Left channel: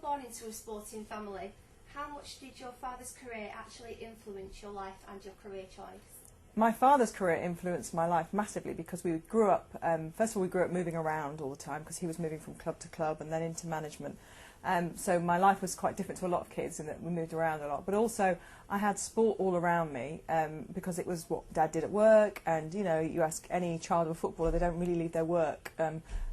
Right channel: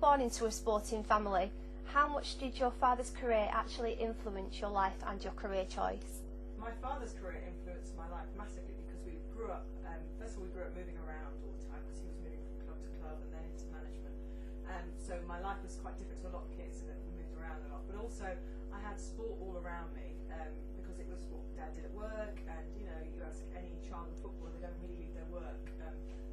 born into a sporting family, how much did your father's career actually influence your life and your career choice? My father's career influenced my life massively because we grew up, first of all we grew up moving around all the time because he was moving from club to club and then into management. So my life was quite different to a lot of kids in that we moved around a lot. But also I had sport all around me because it was what Dad did at work, and you know, you ask any child of a footballer, they don't really leave their work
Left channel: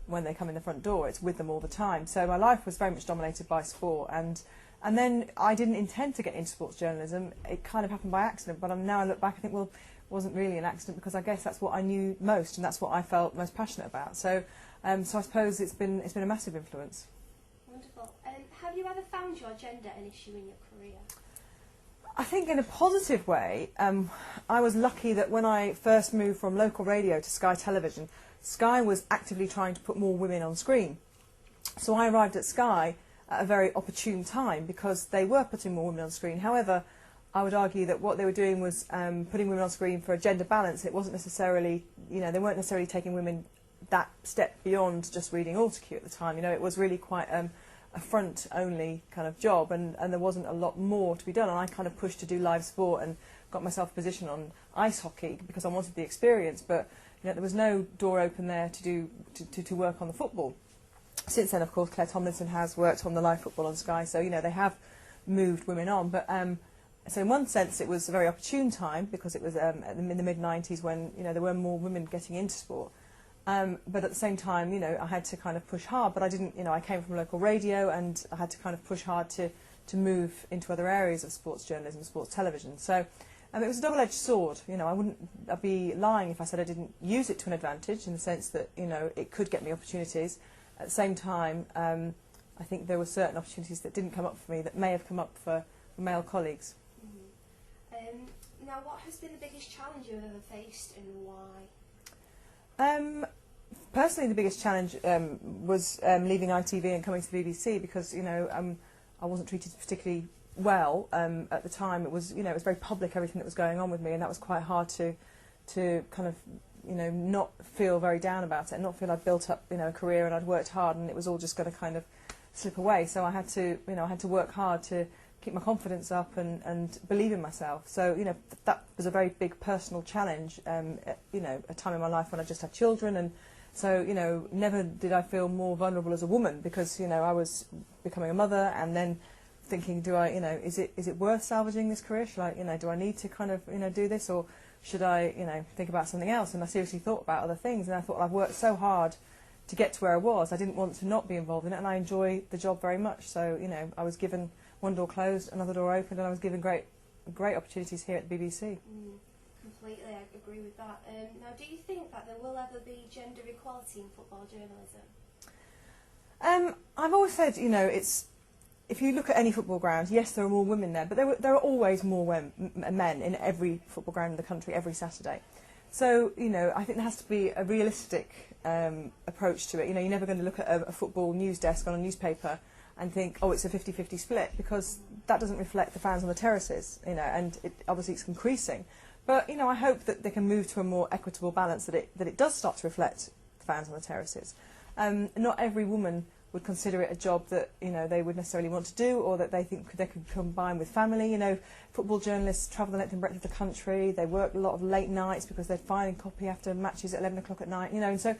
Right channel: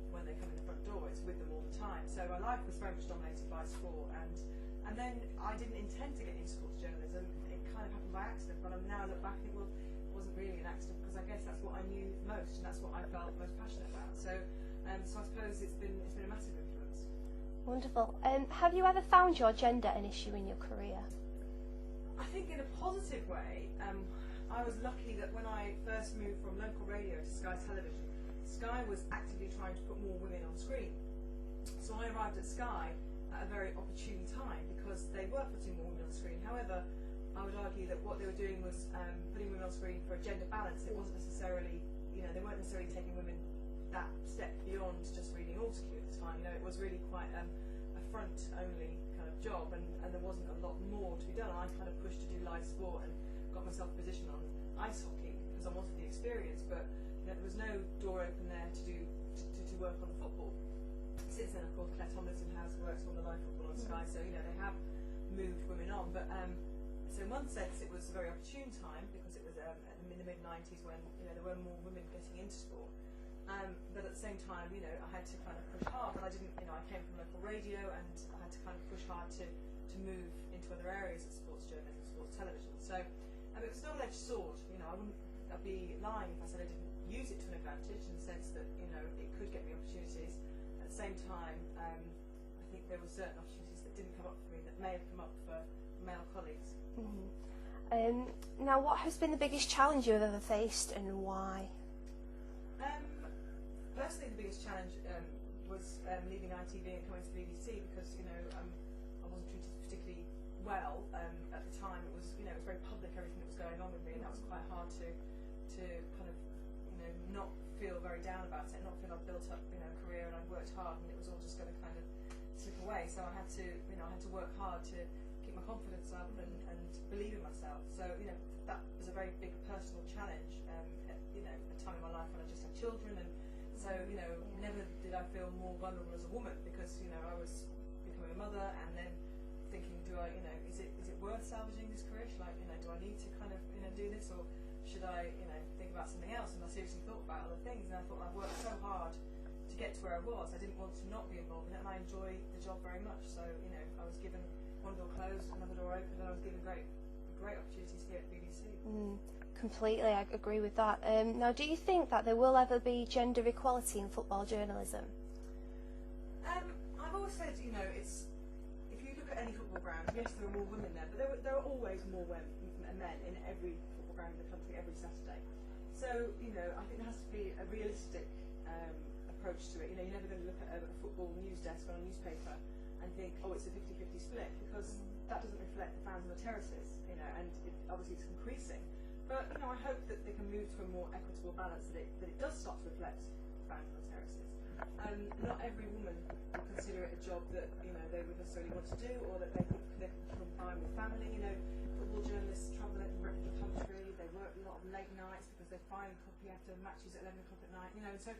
when they come in the front door. It's with them all the time. So my life was very much dominated by sport, and then I didn't intend to get into sports journalism. It kind of happened by accident, but now I look back and think, well, it wasn't really an accident because I guess that's what I knew most and that's what I felt most passionate about. So so I suppose it's been a massive influence. Wonderful. Have you ever found your gender an issue in your career? I think in a positive way. I was lucky that when I first moved from local radio to Sky Television, Sky was actively trying to put more women on screen. So I arrived at Sky at a very opportune time because they were putting more women on screen. However, I would argue that what they were doing was putting women on screen for a gender balance. It wasn't necessarily, you know, they weren't necessarily taking women that step beyond just reading autocue at the time. You know, it was really quite a front-only kind of job, and there wasn't a lot more to be done. And I kind of pushed to do live sport and got myself a position on ice hockey because I wanted the experience. But you know, there was no door open there to work on the football. Since then, of course, Claire Tomlinson has worked on the live football on Sky, so you know they have moved women on. But so in one sense, it was a very opportune time because it was in the mid-90s when you know there were more women getting into sport. But at the same time, you know, I had to kind of push hard. But I didn't, you know, I came from local radio, and I had to kind of push hard to move into other areas of sports journalism, sports television. So it was a double-edged sword. You know, I'd be lying if I said I didn't use it to an advantage in the sense that you know it could get me opportunities. At the same time, I think there were certain opportunities that didn't come up for me that may have come up for male colleagues. Mm-hmm. Now, what has been the biggest challenge you've ever faced, and why? Personally, the biggest challenge was leaving ITV and coming to the BBC because you know I wasn't treated particularly well at the time. It was, you know, it was very public, everything that was going on with me, and that was quite hard to kind of, you know, not feel very down about it and not feel I'd built up, you know, a career and I'd worked hard and it was all just going to kind of slip away. So I had to, you know, I had to work hard to keep my confidence up and believe in myself. So, you know, that was a very big personal challenge, you know, a time in my life when I just had children, and so, you know, never did I feel more vulnerable as a woman because, you know, I was becoming a mother and then thinking, do I, you know, is it worth salvaging this career? Should I, you know, do I need to kind of, you know, do this, or should I, you know, think about something else? And I seriously thought about other things, and I thought, I've worked so hard to get to where I was. I didn't want to not be involved in it, and I enjoy the job very much. So, you know, I was given one door closed, another door opened, and I was given great opportunities here at the BBC. Completely, I agree with that. Now, do you think that there will ever be gender equality in football journalism? I've always said, you know, it's, if you look at any football ground, yes, there are more women there, but there are always more men in every football ground in the country every Saturday. So, you know, I think there has to be a realistic approach to it. You know, you're never going to look at a football news desk on a newspaper and think, oh, it's a 50-50 split, because that doesn't reflect the fans on the terraces, you know, and obviously it's increasing. But, you know, I hope that they can move to a more equitable balance, that it does start to reflect the fans on the terraces. Not every woman would consider it a job that, you know, they would necessarily want to do, or that they think they could combine with family. You know, football journalists travel the length and breadth of the country. They work a lot of late nights because they're filing copy after matches at 11 o'clock at night, you know, and so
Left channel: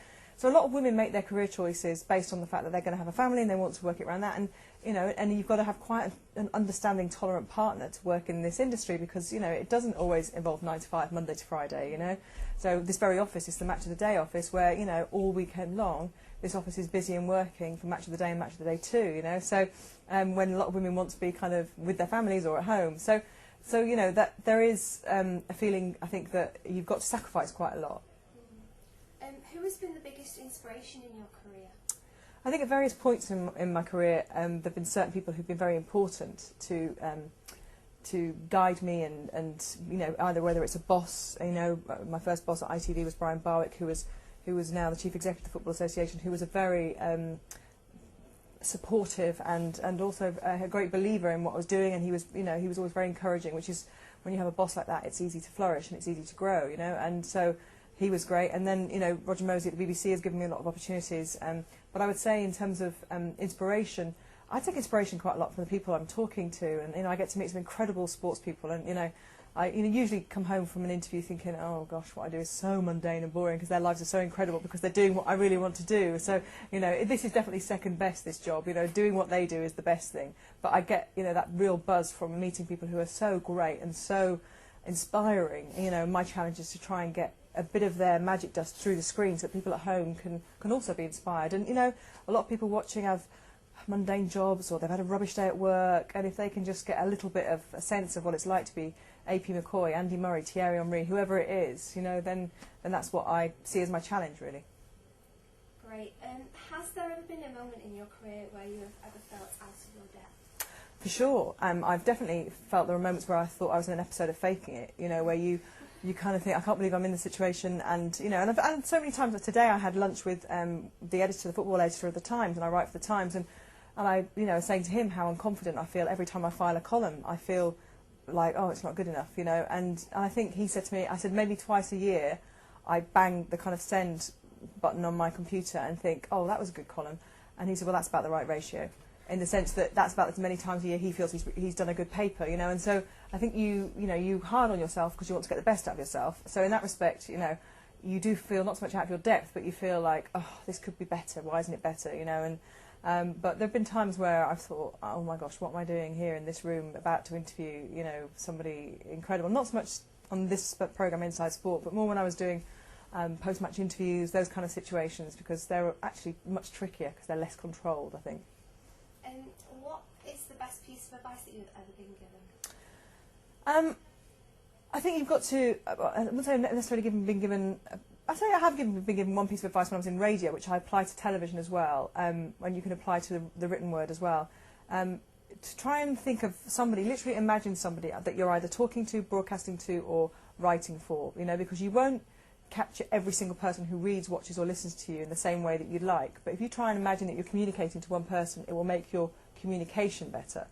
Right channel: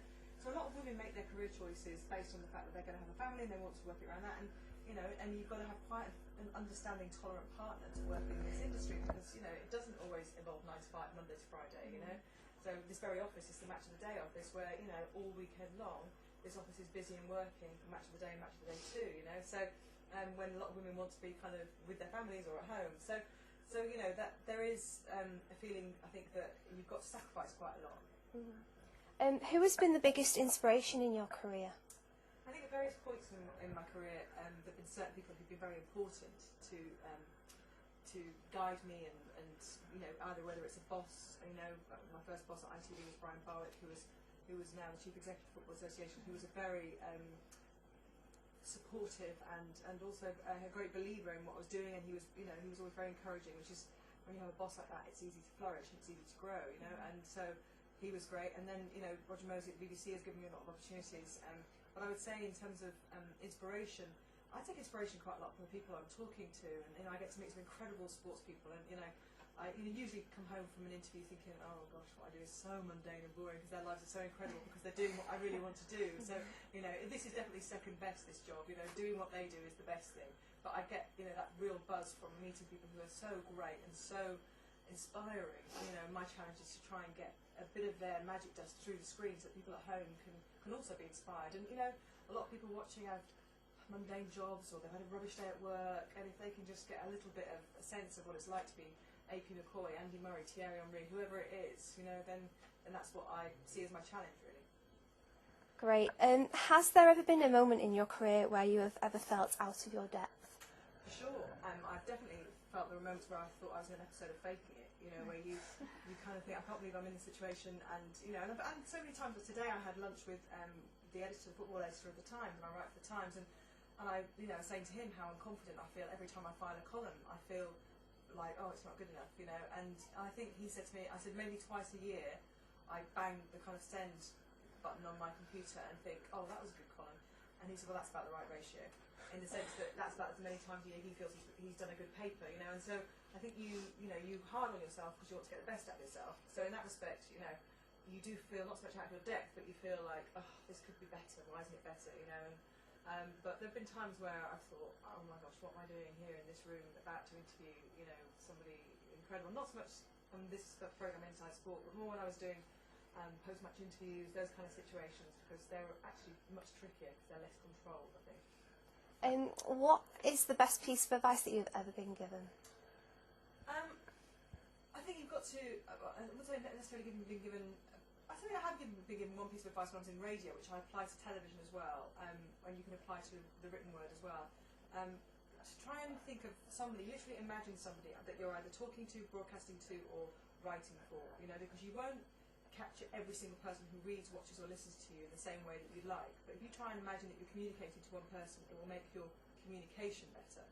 a lot of women make their career choices based on the fact that they're going to have a family and they want to work it around that. And, you know, and you've got to have quite an understanding, tolerant partner to work in this industry, because, you know, it doesn't always involve 9 to 5, Monday to Friday, you know. So this very office is the Match of the Day office where, you know, all weekend long this office is busy and working for Match of the Day and Match of the Day too, you know. So when a lot of women want to be kind of with their families or at home. So you know, that there is a feeling, I think, that you've got to sacrifice quite a lot. Who has been the biggest inspiration in your career? I think at various points in my career, there have been certain people who've been very important to guide me, and you know, either whether it's a boss, you know, my first boss at ITV was Brian Barwick, who was now the Chief Executive of the Football Association, who was a very supportive and also a great believer in what I was doing, and he was, you know, he was always very encouraging, which is, when you have a boss like that, it's easy to flourish and it's easy to grow, you know, and so he was great. And then, you know, Roger Mosey at the BBC has given me a lot of opportunities, but I would say in terms of inspiration, I take inspiration quite a lot from the people I'm talking to, and I get to meet some incredible sports people, and I usually come home from an interview thinking, oh gosh, what I do is so mundane and boring, because their lives are so incredible because they're doing what I really want to do. So this is definitely second best, this job. Doing what they do is the best thing. But I get that real buzz from meeting people who are so great and so inspiring. My challenge is to try and get a bit of their magic dust through the screen so that people at home can also be inspired. And a lot of people watching have mundane jobs, or they've had a rubbish day at work, and if they can just get a little bit of a sense of what it's like to be AP McCoy, Andy Murray, Thierry Henry, whoever it is, then that's what I see as my challenge, really. Great. Has there ever been a moment in your career where you have ever felt out of your depth? For sure. I've definitely felt there were moments where I thought I was in an episode of Faking It, where you kind of think, I can't believe I'm in this situation, and so many times. Today I had lunch with the football editor of the Times, and I write for the Times, and I was saying to him how unconfident I feel every time I file a column. I feel like, oh, it's not good enough, and I think he said to me, I said, maybe twice a year I bang the kind of send button on my computer and think, oh, that was a good column, and he said, well, that's about the right ratio, in the sense that that's about as many times a year he feels he's done a good paper, and so I think you hard on yourself because you want to get the best out of yourself. So in that respect, you do feel not so much out of your depth, but you feel like, oh, this could be better, why isn't it better, but there have been times where I've thought, oh my gosh, what am I doing here in this room about to interview, somebody incredible. Not so much on this programme Inside Sport, but more when I was doing post-match interviews, those kind of situations, because they're actually much trickier because they're less controlled, I think. What is the best piece of advice that you've ever been given? I think you've got to, I wouldn't say necessarily been given, I say I have been given one piece of advice when I was in radio, which I apply to television as well, when you can apply to the written word as well. To try and think of somebody, literally imagine somebody that you're either talking to, broadcasting to, or writing for, because you won't capture every single person who reads, watches or listens to you in the same way that you'd like. But if you try and imagine that you're communicating to one person, it will make your communication better.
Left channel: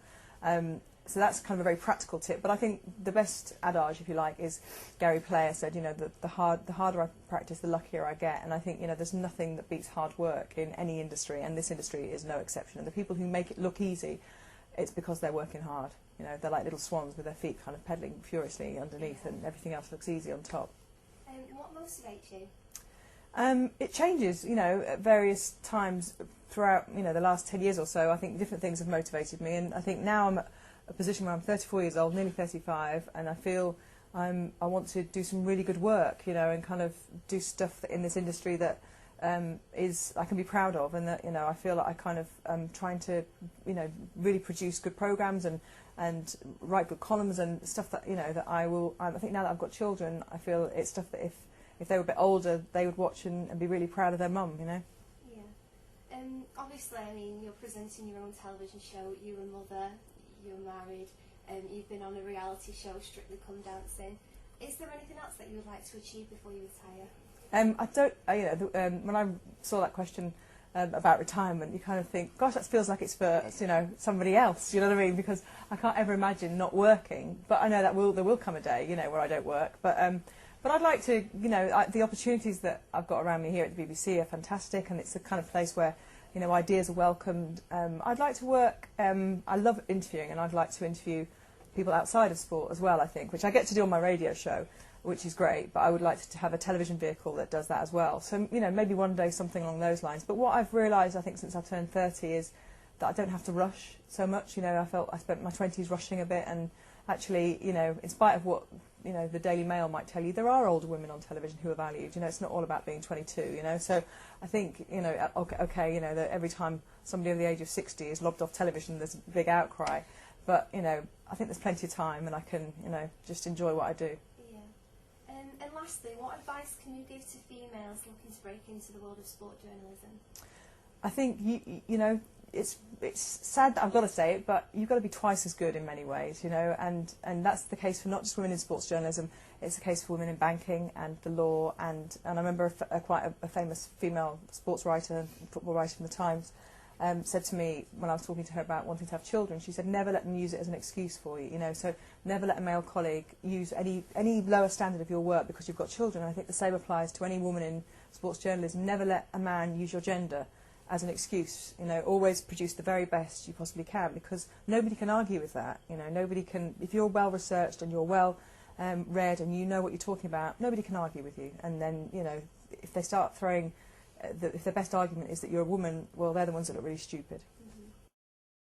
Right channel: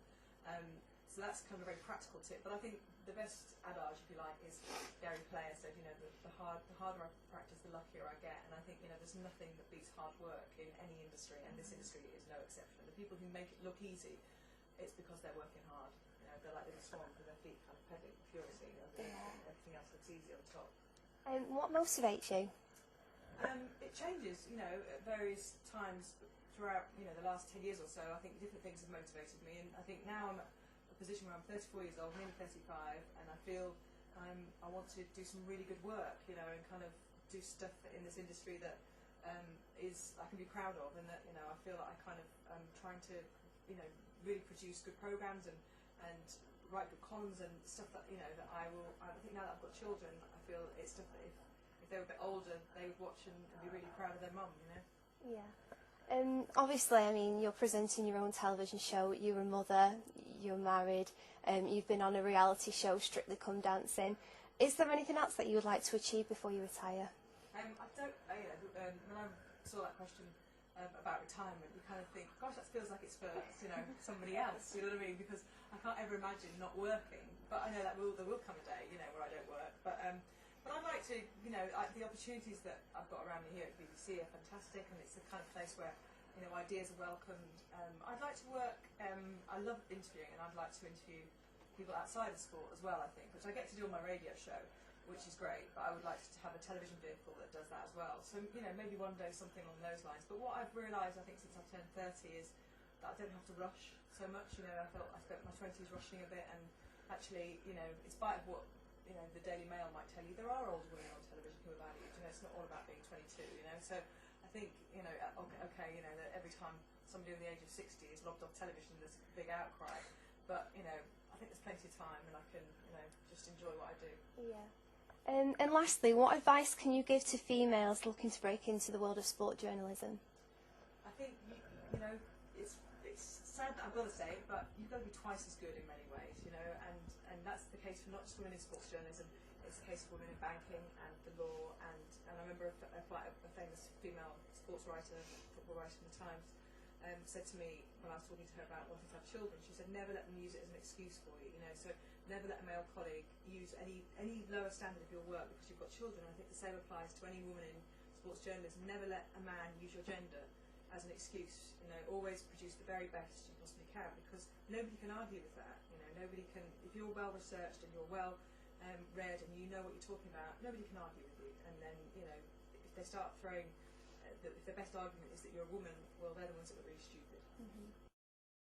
So that's kind of a very practical tip. But I think the best adage, if you like, is Gary Player said, the harder I practice, the luckier I get. And I think, there's nothing that beats hard work in any industry, and this industry is no exception. And the people who make it look easy, it's because they're working hard. They're like little swans with their feet kind of pedalling furiously underneath, and everything else looks easy on top. What motivates you? It changes, at various times throughout, the last 10 years or so. I think different things have motivated me, and I think now I'm at a position where I'm 34 years old, nearly 35, and I feel I want to do some really good work, and kind of do stuff in this industry that I can be proud of, and that I feel like I kind of trying to really produce good programmes and write good columns and stuff that that I will. I think now that I've got children, I feel it's stuff that if they were a bit older, they would watch and be really proud of their mum. Yeah. Obviously, I mean, you're presenting your own television show. You're a mother. You're married. You've been on a reality show, Strictly Come Dancing. Is there anything else that you would like to achieve before you retire? I don't. When I saw that question about retirement, you kind of think, gosh, that feels like it's for somebody else. You know what I mean? Because I can't ever imagine not working. But I know that there will come a day, where I don't work. But I'd like to, the opportunities that I've got around me here at the BBC are fantastic, and it's the kind of place where ideas are welcomed. I'd like to work. I love interviewing, and I'd like to interview people outside of sport as well. I think, which I get to do on my radio show, which is great, but I would like to have a television vehicle that does that as well. So, maybe one day something along those lines. But what I've realised, I think, since I've turned 30 is that I don't have to rush so much. I felt I spent my 20s rushing a bit, and actually, in spite of what, the Daily Mail might tell you, there are older women on television who are valued. It's not all about being 22, So I think, that every time somebody over the age of 60 is lobbed off television, there's a big outcry. But, I think there's plenty of time, and I can, just enjoy what I do. And lastly, what advice can you give to females looking to break into the world of sport journalism? I think it's sad that I've got to say it, but you've got to be twice as good in many ways, and that's the case for not just women in sports journalism. It's the case for women in banking and the law, and I remember quite a famous female sports writer, football writer from the Times, said to me when I was talking to her about wanting to have children, she said, never let them use it as an excuse for you, so never let a male colleague use any lower standard of your work because you've got children. And I think the same applies to any woman in sports journalism. Never let a man use your gender as an excuse. You know, always produce the very best you possibly can, because nobody can argue with that. You know, nobody can, if you're well researched and you're well read and you know what you're talking about, nobody can argue with you. And then, you know, if they start throwing, if their best argument is that you're a woman, well, they're the ones that look really stupid.